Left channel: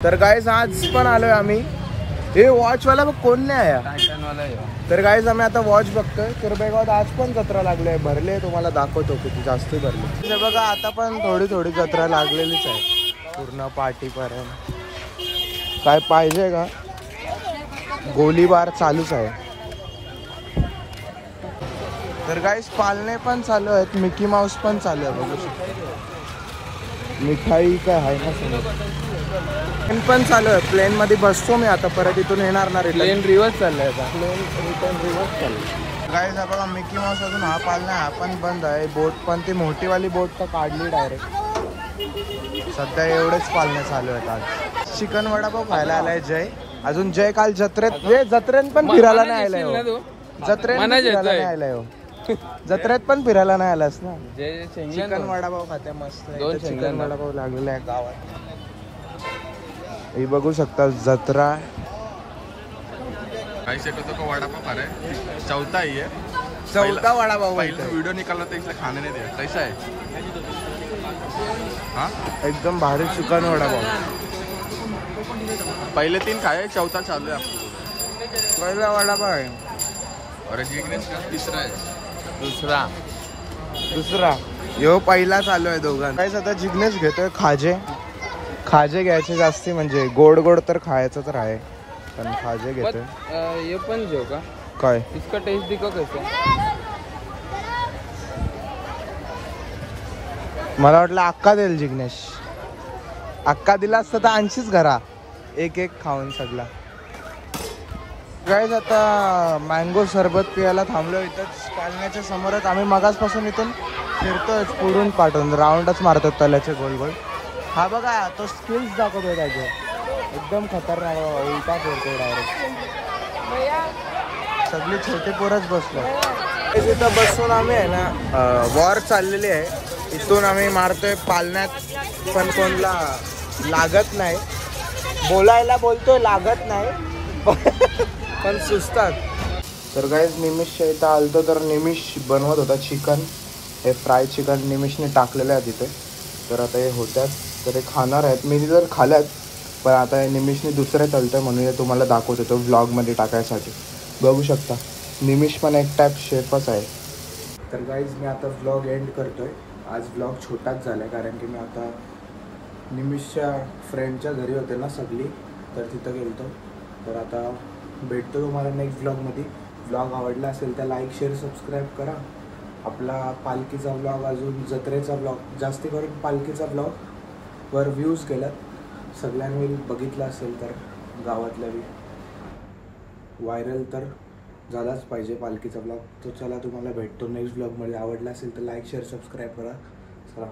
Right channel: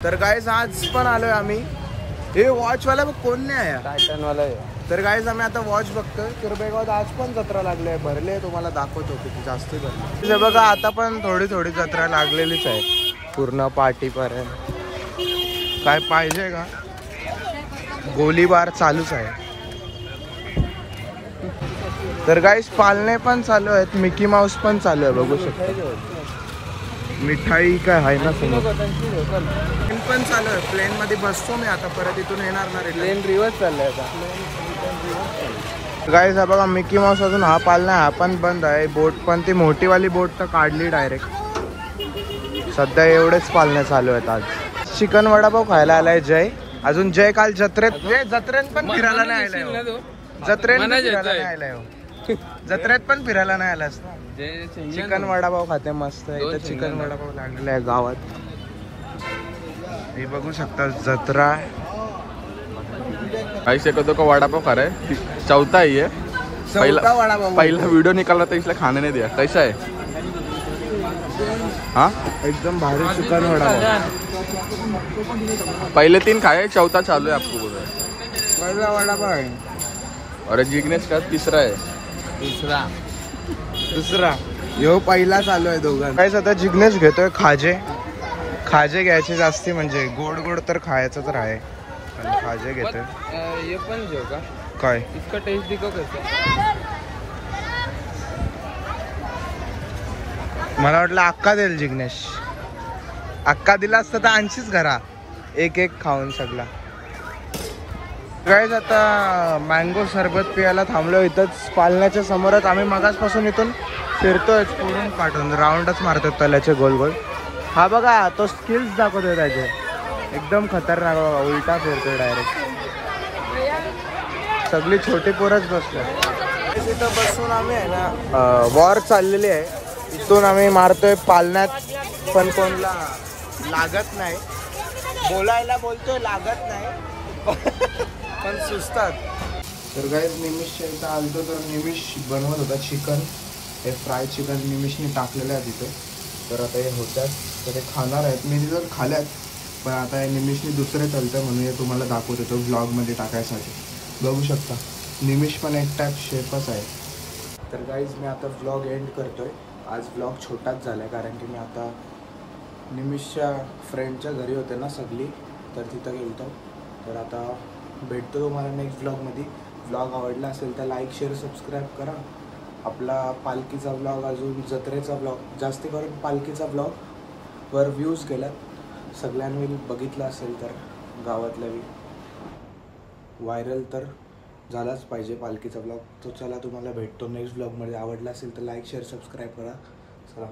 तर गाईज आज पण आलोय आम्ही. हे वॉच वाला कोण नाही आया. तर गाईज आम्ही आता वॉच बघतोय. कुरबेगावात आज पण जत्रा लागली आहे. भरले तुम्हाला दाखवतो किती जास्त भरले. बघा आता पण थोडी थोडी जत्रा लागलेलीच आहे पूर्ण पार्टी पर्यंत. काय पाहिजे का? गोलीबार चालूच आहे. तर गाईज पालणे पण चालू आहेत. मिकी माऊस पण चालू आहे बघू शकता. मिठाई काय आहे ना समोर. प्लेन पण चालू आहे. प्लेन मध्ये बसतो मी आता. परत इथून येणार ना रिटर्न. रिव्हर्स चाललंय का? प्लेन रिटर्न रिव्हर्स चालू. गाईज हा बघा मिकी माऊस अजून हा पालना हा पण बंद आहे. बोट पण ती मोठीवाली बोट तर काढली डायरेक्ट. सध्या एवढेच पालने चालू आहेत आज. चिकन वडापाव खायला आलाय जय. अजून जय काल जत्रेत पण फिरायला नाही आलाय हो. जत्रेत फिरायला नाही आलाय हो. जत्रेत पण फिरायला नाही आलास ना. चिकन वडापाव खाते मस्त. इथं चिकन वडापाव लागलेला आहे गावात. हे बघू शकता जत्रा. आई शकतो का वडापाव खा रहा है. चौथा ही है. चौथा वडापाव. पहला वीडियो निकाला था इसलिए खाने नहीं दिया. कैसा है? हाँ एकदम भारी चिकन वडापाव. पहले 3 खाए, चौथा चालू है आपको बोल रहे. पहिला वडापाव आहे. और जिग्नेश का तीसरा है. दुसरा यो पहिला चालू आहे दोघांना. काय आता जिग्नेश घेतोय खाजे घ्यायचे जास्ती. म्हणजे गोड गोड तर खायचं तर आहे पण खाजे घेतोय. ये पण जो का काय इसका टेस्ट दिखा कैसा. मला वाटलं अक्का देईल जिग्नेश. अक्का दिला असता तर आणशीच घरा एक एक खाऊन सगळा. गाईज आता मँगो सरबत पियाला थांबलो इथंच पालण्याच्या समोरच. आम्ही मगासपासून इथून फिरतोय पुढून पाठवून राऊंडच मारतो तल्याचे गोल गोल. हा बघा तो स्किल्स दाखवतोय त्याचे. एकदम खतरनाक बघा. उलटा फिरतोय डायरेक्ट. सगळी छोटी पोरच बसलो तिथं बसून. आम्ही आहे ना वॉर चाललेली आहे. इथून आम्ही मारतोय पालण्यात पण कोणला लागत नाही. बोलायला बोलतोय लागत नाही पण सुचतात. तर गाईज निमिषच्या इथं आलतो तर निमिष बनवत होता चिकन. हे फ्राय चिकन निमिषने टाकलेलं आहे तिथे. तर आता हे होत्यात तर हे खाणार आहेत. मी जर खाल्यात पण आता हे निमिषने दुसरे तलतं म्हणून हे तुम्हाला दाखवत होतो व्लॉगमध्ये टाकायसाठी. बघू शकता निमिष पण एक टाईप शेफच आहे. तर गाईज मी आता व्लॉग एंड करतोय. आज व्लॉग छोटाच झाला आहे कारण की मी आता निमिषच्या फ्रेंडच्या घरी होते ना सगळी. तर तिथं गेलतो. तर आता भेटतो तुम्हाला नेक्स्ट व्लॉगमध्ये. व्लॉग आवडला असेल तर लाईक शेअर सबस्क्राईब करा. आपला पालखीचा व्लॉग अजून जत्रेचा व्लॉग जास्त करून पालखीचा व्लॉग वर व्ह्यूज गेलात. सगळ्यांनी बघितलं असेल तर गावातल्या व्हायरल तर झालाच पाहिजे पालखीचा व्लॉग. तो चला तुम्हाला भेटतो नेक्स्ट व्लॉगमध्ये. आवडला असेल तर लाईक शेअर सबस्क्राईब करा. चला.